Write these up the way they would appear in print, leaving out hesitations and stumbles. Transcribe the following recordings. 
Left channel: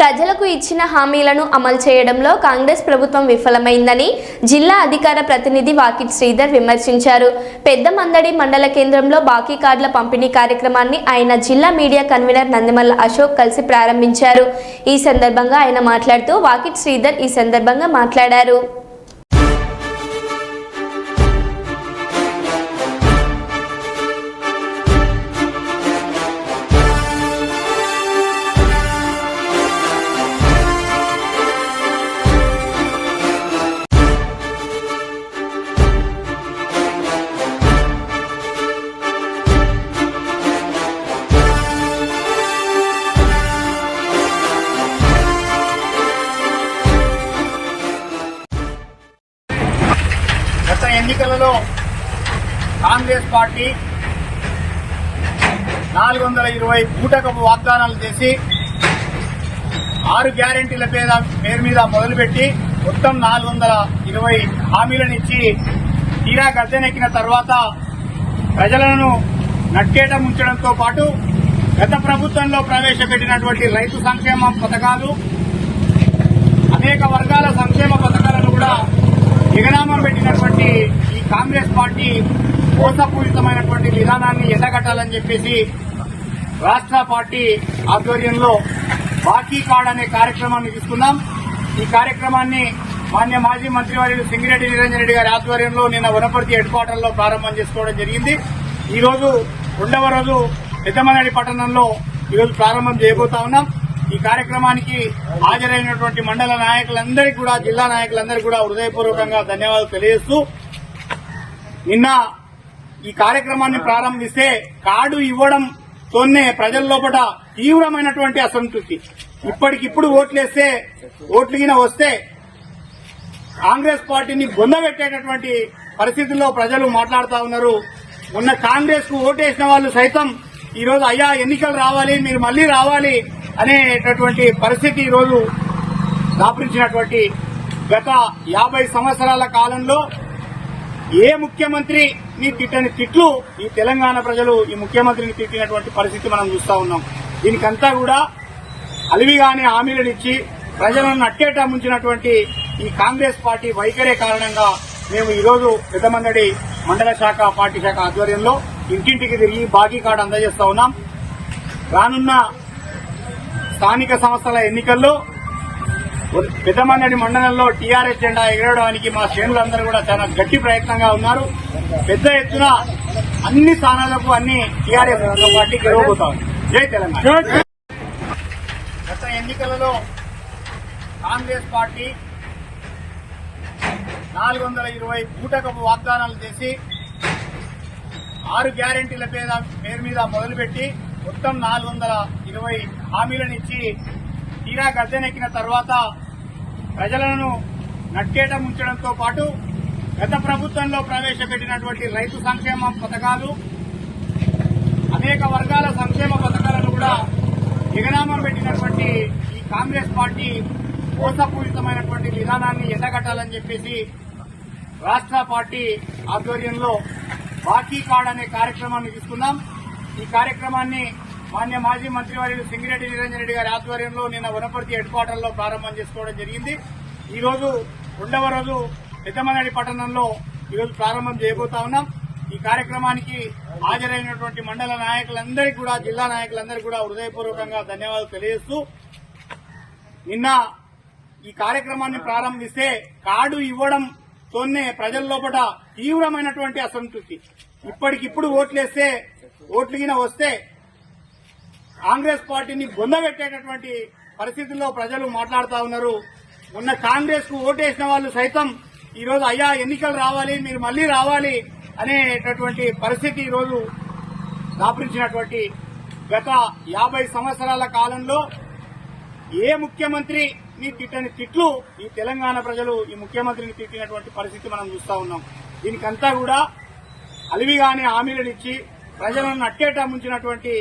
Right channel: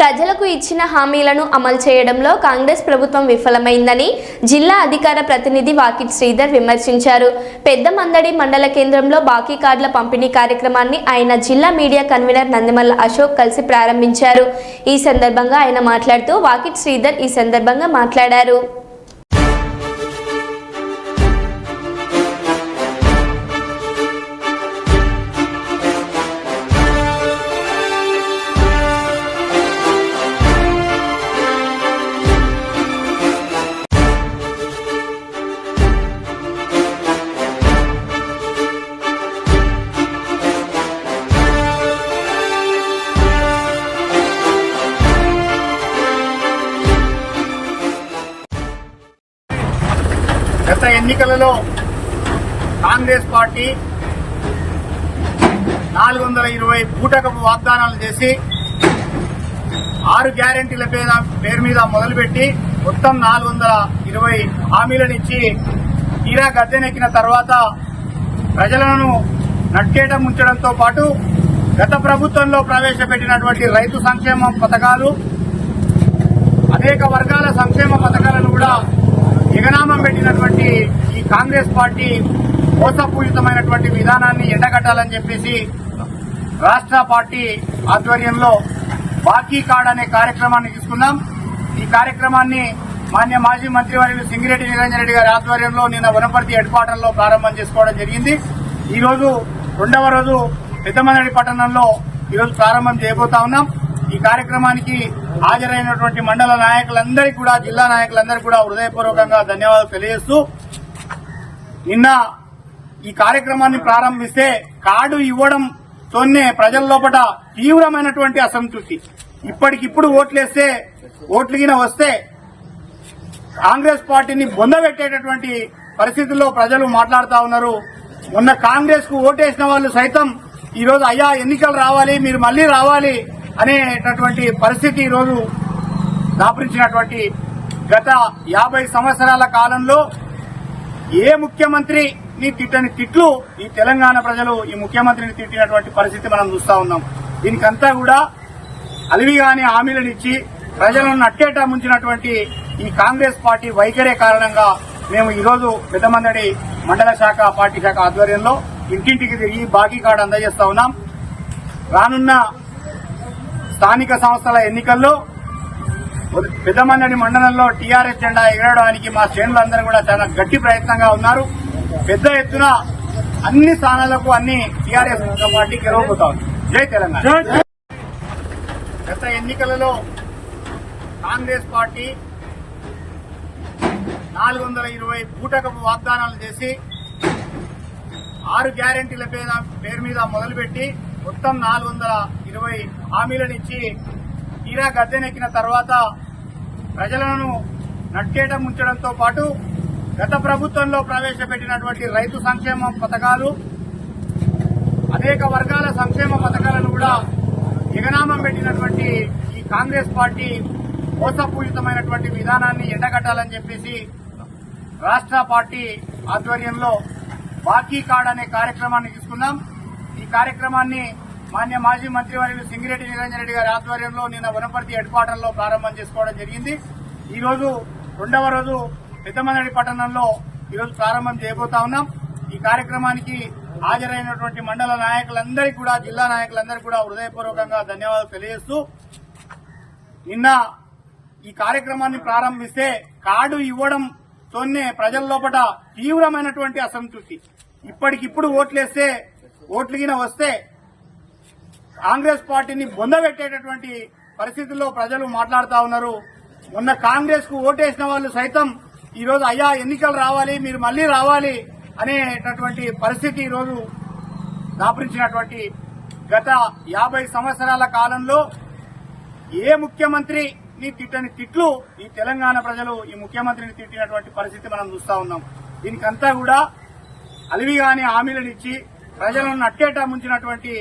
ప్రజలకు ఇచ్చిన హామీలను అమలు చేయడంలో కాంగ్రెస్ ప్రభుత్వం విఫలమైందని జిల్లా అధికార ప్రతినిధి వాకిట్ శ్రీధర్ విమర్శించారు. పెద్దమందడి మండల కేంద్రంలో బాకీ కార్డుల పంపిణీ కార్యక్రమాన్ని ఆయన జిల్లా మీడియా కన్వీనర్ నందిమల్ల అశోక్ కలిసి ప్రారంభించారు. ఈ సందర్భంగా ఆయన మాట్లాడుతూ వాకిట్ శ్రీధర్ ఈ సందర్భంగా మాట్లాడారు. గత ఎన్నికలలో కాంగ్రెస్ పార్టీ 420 బూటకపు వాగ్దానాలు చేసి 6 గ్యారెంటీల పేరు మీద మొదలుపెట్టి మొత్తం 420 హామీలను ఇచ్చి తీరా గద్దెనెక్కిన తర్వాత ప్రజలను నట్టేట ముంచడంతో పాటు గత ప్రభుత్వంలో ప్రవేశపెట్టినటువంటి రైతు సంక్షేమ పథకాలు, అనేక వర్గాల సంక్షేమ పథకాలను కూడా ఎగనామం పెట్టినటువంటి ఈ కాంగ్రెస్ పార్టీ మోసపూరితమైనటువంటి విధానాన్ని ఎండగట్టాలని చెప్పేసి రాష్ట్ర పార్టీ ఆధ్వర్యంలో బాకీ కార్డ్ అనే కార్యక్రమాన్ని తీసుకున్నాం. ఈ కార్యక్రమాన్ని మాన్య మాజీ మంత్రివర్యులు సింగిరెడ్డి నిరంజన్ రెడ్డి గారి ఆధ్వర్యంలో నిన్న వనపర్తి హెడ్ క్వార్టర్ లో ప్రారంభం చేసుకోవడం జరిగింది. ఈ రోజు రెండవ రోజు పెద్దమందడి పట్టణంలో ఈరోజు ప్రారంభం చేయబోతా ఉన్నాం. ఈ కార్యక్రమానికి హాజరైనటువంటి మండల నాయకులందరికీ కూడా, జిల్లా నాయకులందరికీ కూడా హృదయపూర్వకంగా ధన్యవాదాలు తెలియజేస్తూ, నిన్న ఈ కార్యక్రమాన్ని ప్రారంభిస్తే కార్డు ఇవ్వడంతోనే ప్రజల లోపల తీవ్రమైనటువంటి అసంతృప్తి. ఇప్పటికిప్పుడు ఓట్లేస్తే ఓట్లుగిన వస్తే కాంగ్రెస్ పార్టీని బొందబెట్టేటటువంటి పరిస్థితుల్లో ప్రజలు మాట్లాడుతూ ఉన్నారు. మొన్న కాంగ్రెస్ కు ఓటేసిన వాళ్ళు సైతం ఈరోజు అయ్యా ఎన్నికలు రావాలి, మీరు మళ్లీ రావాలి అనేటటువంటి పరిస్థితి ఈరోజు దాపురించినటువంటి గత 50 సంవత్సరాల కాలంలో ఏ ముఖ్యమంత్రిని తిట్టని తిట్లు ఈ తెలంగాణ ప్రజలు ఈ ముఖ్యమంత్రిని తిట్టినటువంటి పరిస్థితి మనం చూస్తా ఉన్నాం. దీనికంతా కూడా అలివిగానే హామీలనిచ్చి ప్రజలను నట్టేట ముంచినటువంటి ఈ కాంగ్రెస్ పార్టీ వైఖరే కారణంగా మేము ఈరోజు పెద్దమందడి మండల శాఖ పార్టీ శాఖ ఆధ్వర్యంలో ఇంటింటికి తిరిగి బాకీ కార్డు అందజేస్తా ఉన్నాం. రానున్న స్థానిక సంస్థల ఎన్నికల్లో పెద్దమందడి మండలంలో టీఆర్ఎస్ జెండా ఎగరడానికి మా శ్రేణులందరూ కూడా చాలా గట్టి ప్రయత్నంగా ఉన్నారు. పెద్ద ఎత్తున అన్ని స్థానాలకు అన్ని టీఆర్ఎస్ పార్టీ గెలవబోతా ఉంది. జై తెలంగాణ. గత ఎన్నికలలో కాంగ్రెస్ పార్టీ 420 బూటకపు వాగ్దానాలు చేసి 6 గ్యారెంటీల పేరు మీద మొదలుపెట్టి మొత్తం 420 హామీలను ఇచ్చి తీరా గద్దెనెక్కిన తర్వాత ప్రజలను నట్టేట ముంచడంతో పాటు గత ప్రభుత్వంలో ప్రవేశపెట్టినటువంటి రైతు సంక్షేమ పథకాలు, అనేక వర్గాల సంక్షేమ పథకాలను కూడా ఎగనామం పెట్టినటువంటి ఈ కాంగ్రెస్ పార్టీ మోసపూరితమైనటువంటి విధానాన్ని ఎండగట్టాలని చెప్పేసి రాష్ట్ర పార్టీ ఆధ్వర్యంలో బాకీ కార్డ్ అనే కార్యక్రమాన్ని తీసుకున్నాం. ఈ కార్యక్రమాన్ని మాన్య మాజీ మంత్రివర్యులు సింగిరెడ్డి నిరంజన్ రెడ్డి గారి ఆధ్వర్యంలో నిన్న వనపర్తి హెడ్ క్వార్టర్ లో ప్రారంభం చేసుకోవడం జరిగింది. ఈ రోజు రెండవ రోజు పెద్దమందడి పట్టణంలో ఈరోజు ప్రారంభం చేయబోతా ఉన్నాం. ఈ కార్యక్రమానికి హాజరైనటువంటి మండల నాయకులందరికీ కూడా, జిల్లా నాయకులందరికీ కూడా హృదయపూర్వకంగా ధన్యవాదాలు తెలియజేస్తూ, నిన్న ఈ కార్యక్రమాన్ని ప్రారంభిస్తే కార్డు ఇవ్వడంతోనే ప్రజల లోపల తీవ్రమైనటువంటి అసంతృప్తి. ఇప్పటికిప్పుడు ఓట్లేస్తే ఓట్లుగిన వస్తే కాంగ్రెస్ పార్టీని బొందబెట్టేటటువంటి పరిస్థితుల్లో ప్రజలు మాట్లాడుతూ ఉన్నారు. మొన్న కాంగ్రెస్ కు ఓటేసిన వాళ్ళు సైతం ఈరోజు అయ్యా ఎన్నికలు రావాలి, మీరు మళ్లీ రావాలి అనేటటువంటి పరిస్థితి ఈరోజు దాపురించినటువంటి గత 50 సంవత్సరాల కాలంలో ఏ ముఖ్యమంత్రిని తిట్టని తిట్లు ఈ తెలంగాణ ప్రజలు ఈ ముఖ్యమంత్రిని తిట్టినటువంటి పరిస్థితి మనం చూస్తా ఉన్నాం. దీనికంతా కూడా అలివిగానే హామీలనిచ్చి ప్రజలను నట్టేట ముంచినటువంటి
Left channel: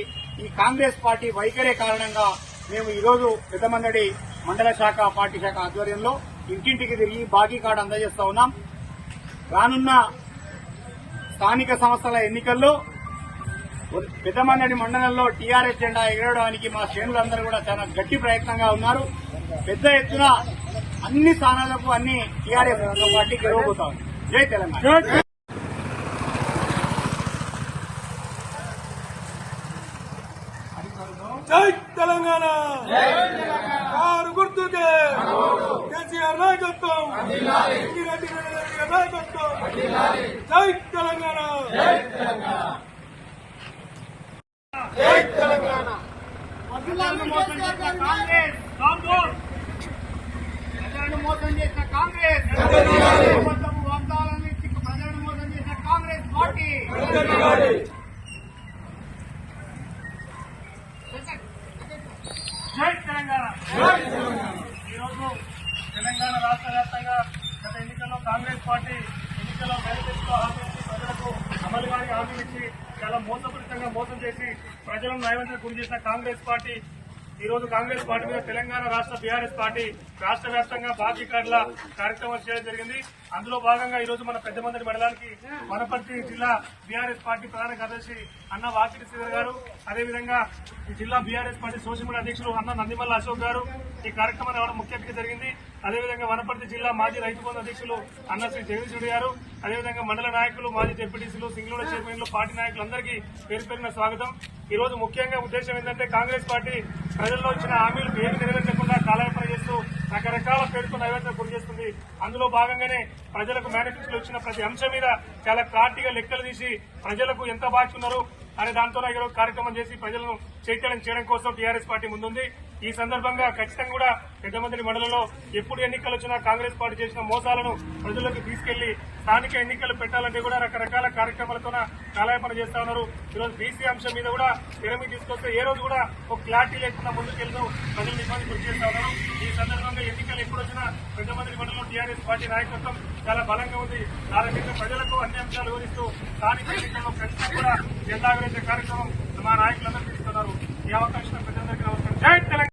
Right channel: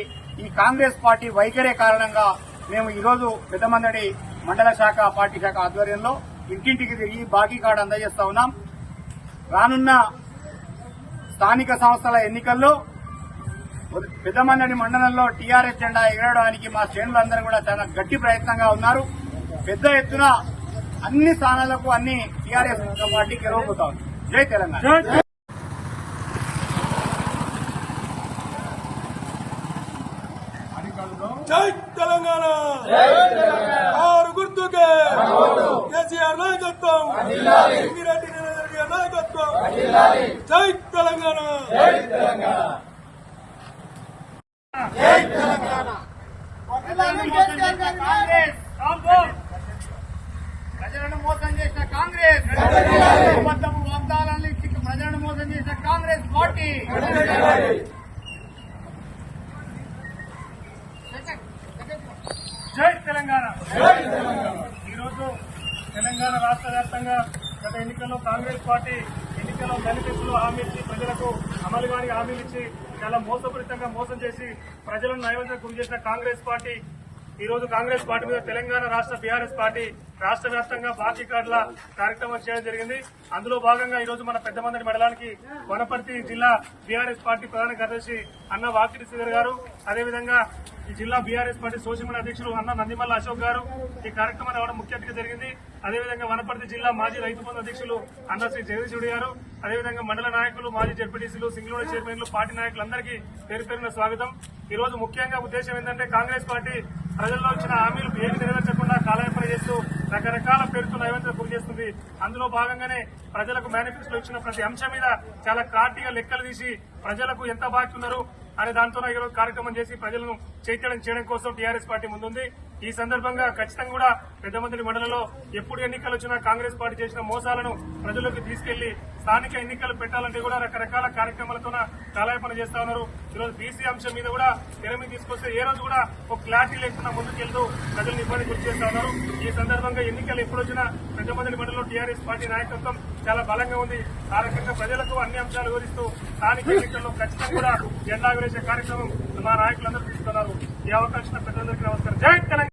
ఈ కాంగ్రెస్ పార్టీ వైఖరే కారణంగా మేము ఈరోజు పెద్దమందడి మండల శాఖ పార్టీ శాఖ ఆధ్వర్యంలో ఇంటింటికి తిరిగి బాకీ కార్డు అందజేస్తా ఉన్నాం. రానున్న స్థానిక సంస్థల ఎన్నికల్లో పెద్దమందడి మండలంలో టీఆర్ఎస్ జెండా ఎగరడానికి మా శ్రేణులందరూ కూడా చాలా గట్టి ప్రయత్నంగా ఉన్నారు. పెద్ద ఎత్తున అన్ని స్థానాలకు అన్ని టీఆర్ఎస్ పార్టీ గెలవబోతా ఉంది. జై తెలంగాణ. జై తెలంగాణ ఆరు గుర్తుకే కేసీఆర్ నాయకత్వం రెడ్డి నాయకత్వం జై తెలంగాణ జై తెలంగాణ ప్రజలను మోసం చేసిన కాంగ్రెస్ ప్రజలను మోసం చేసిన కాంగ్రెస్ అబద్ధపు వాగ్దానాలను ఇచ్చి ప్రజలను మోసం చేసిన కాంగ్రెస్ పార్టీ జై తెలంగాణ. ఈరోజు తెలంగాణ రాష్ట్ర వ్యాప్తంగా గత ఎన్నికల్లో కాంగ్రెస్ పార్టీ ఎన్నికల్లో మేనిఫెస్టోలో హామీ ఇచ్చి ప్రజలకు అమలు కాని హామీలు ఇచ్చి చాలా మోసపూరితంగా మోసం చేసి ప్రజలను నైవేద్యం గురి చేసిన కాంగ్రెస్ పార్టీ ఈ రోజు కాంగ్రెస్ పార్టీ మీద తెలంగాణ రాష్ట్ర బీఆర్ఎస్ పార్టీ రాష్ట్ర వ్యాప్తంగా బాకీ కార్డుల కార్యక్రమం చేయడం జరిగింది. అందులో భాగంగా ఈ రోజు మన పెద్దమందడి మండలానికి వనపర్తి జిల్లా బీఆర్ఎస్ పార్టీ ప్రధాన కార్యదర్శి అన్న వాకిటి శ్రీధర్ గారు, అదేవిధంగా ఈ జిల్లా బీఆర్ఎస్ పార్టీ సోషల్ మీడియా అధ్యక్షులు అన్న నందిమల్ల అశోక్ గారు ఈ కార్యక్రమాన్ని రావడం ముఖ్య అతిథిగా జరిగింది. అదేవిధంగా వనపర్తి జిల్లా మాజీ రైతు బంధు అధ్యక్షులు అన్న శ్రీ జగదీశుడి గారు, అదేవిధంగా మండల నాయకులు మాజీ జెడ్పీటీసీలు సింగనూరు చైర్మన్లు పార్టీ నాయకులందరికీ పేరు పేరున స్వాగతం. ఈ రోజు ముఖ్యంగా ఉద్దేశం ఏంటంటే కాంగ్రెస్ పార్టీ ప్రజల్లో ఇచ్చిన హామీలు ఏమి నెరవేర్చకుండా కాలయాపన చేస్తూ రకరకాల పేరుతో నైవేద్యం గురి చేస్తుంది. అందులో భాగంగానే ప్రజలకు మేనిఫెస్టోలో ఇచ్చిన ప్రతి అంశం మీద చాలా క్లారిటీగా లెక్కలు తీసి ప్రజలకు ఎంత బాకీ ఉన్నారు అనే దాంతో ఈరోజు కార్యక్రమం చేసి ప్రజలను చైతన్యం చేయడం కోసం టీఆర్ఎస్ పార్టీ ముందుంది. ఈ సందర్భంగా ఖచ్చితంగా కూడా పెద్దమందడి మండలంలో ఎప్పుడు ఎన్నికలు వచ్చినా కాంగ్రెస్ పార్టీ చేసిన మోసాలను ప్రజల్లోకి తీసుకెళ్లి స్థానిక ఎన్నికలు పెట్టాలంటే కూడా రకరకాల కార్యక్రమాలతో కాలయాపన చేస్తా ఉన్నారు. ఈరోజు బీసీ అంశం మీద కూడా తెర మీద తీసుకొస్తే ఏ రోజు కూడా ఒక క్లారిటీ లేకుండా ముందుకెళ్తూ ప్రజలను ఇబ్బంది గురి చేస్తా ఉన్నారు. ఈ సందర్భంగా ఎన్నికలు ఎప్పుడు వచ్చినా పెద్దమందడి మండలంలో టీఆర్ఎస్ పార్టీ నాయకత్వం చాలా బలంగా ఉంది. ఆ రకంగా ప్రజలకు అన్ని అంశాలు వివరిస్తూ స్థానిక ఎన్నికల్లో ఖచ్చితంగా కూడా జెండా ఎగరేసే కార్యక్రమం మా నాయకులందరూ తీసుకున్నారు. ఈ అవకాశం పెద్దలందరికీ నమస్కారం. జై తెలంగాణ.